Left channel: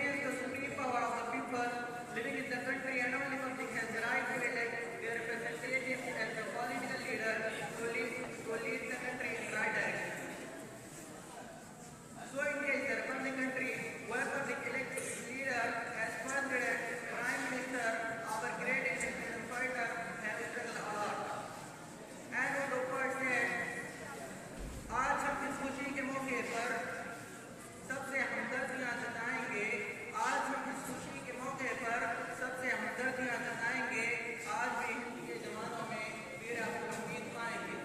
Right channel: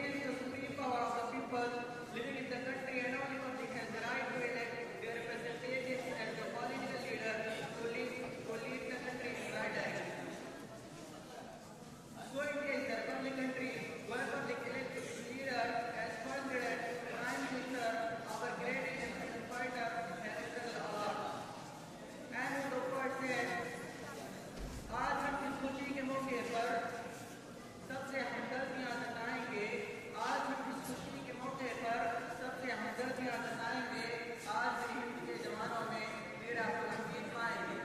remains the supreme power of the people living in the country, and only public has the right to elect their representatives as the political leader to lead the country in the right direction. So India is a republic country where public elects its leader as funded Prime Minister, our great independent fighter, has struggled a lot. And वो doctor से आज हम इस खुशी के मौके पर सबसे हमदर्दियाँ जताएंगे। आज हम इस खुशी के मौके पर सबसे हमदर्दियाँ जताएंगे। आज भी हिंद के जवानों में वीर अब्दुल हमीद पाएंगे।